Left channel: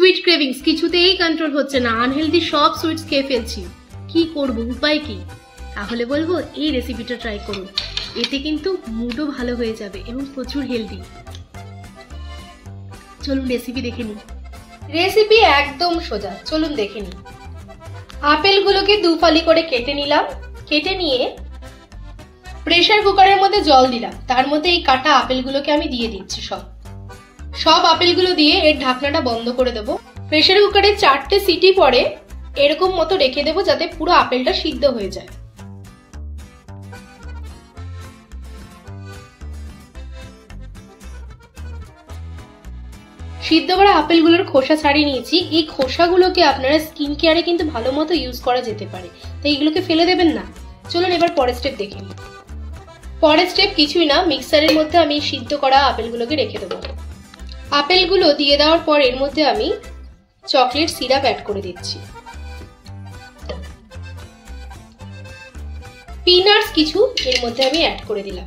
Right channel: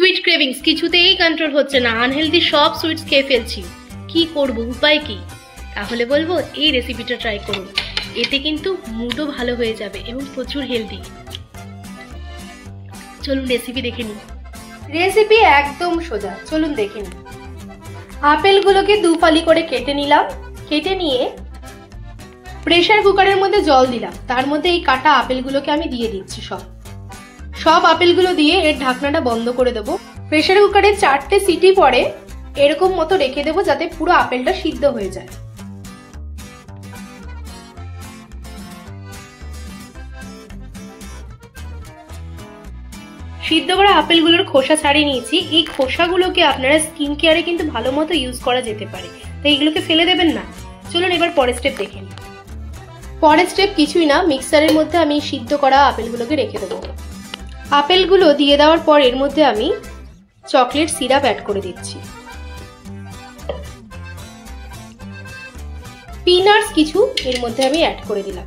Sweet cravings কিছুতেই control হচ্ছে না, আনহেলদি সব সুইটস খেয়ে ফেলছি, কি করব, উপায় কি? তাহলে বলবো এই রেসিপিটা ট্রাই করুন, এতে কিন্তু মুডও ভালো হয়ে যাবে এবং প্রচুর হেলদি। চলুন রেসিপি দেখে নিই। রেসিপি একদম সোজা, চলুন দেখে নিই। আপেলগুলোকে দু ফালি করে কেটে নিলাম, কেটে নিয়ে প্রেসার কুকারের মধ্যে জল দিলাম, তার মধ্যে এই কাটা আপেলগুলোকে আমি দিয়ে দিচ্ছি। সব আপেলগুলো দিয়ে এর ঢাকনাটা বন্ধ করে দেবো। প্রেসার কুকারে 4টে সিটি পরে এরকম মতো রেখে দেবো যাতে পুরো আপেলটা সিদ্ধ হয়ে যায়। সিদ্ধ করা আপেলগুলোর খোসা ছাড়িয়ে নিয়েছি। এই খোসাগুলোকে আপনারা স্কিন কেয়ারে কিন্তু ভালো মতো ইউজ করা যেতে পারে, তাই এইগুলোকে ফেলে দেবেন না। চলুন এবার পরের স্টেপ দেখে নিই। পরের স্টেপ কিছুই না, মিক্সারের মধ্যে আমি সিদ্ধ করা আপেলগুলোকে রেখে দেবো। আপেলগুলো দিয়ে দেওয়ার পর এর মধ্যে আমি চকলেট সিরাপ অ্যাড করে দিচ্ছি। পিনাটস কিছু এর মধ্যে আমি অ্যাড করে দিলাম।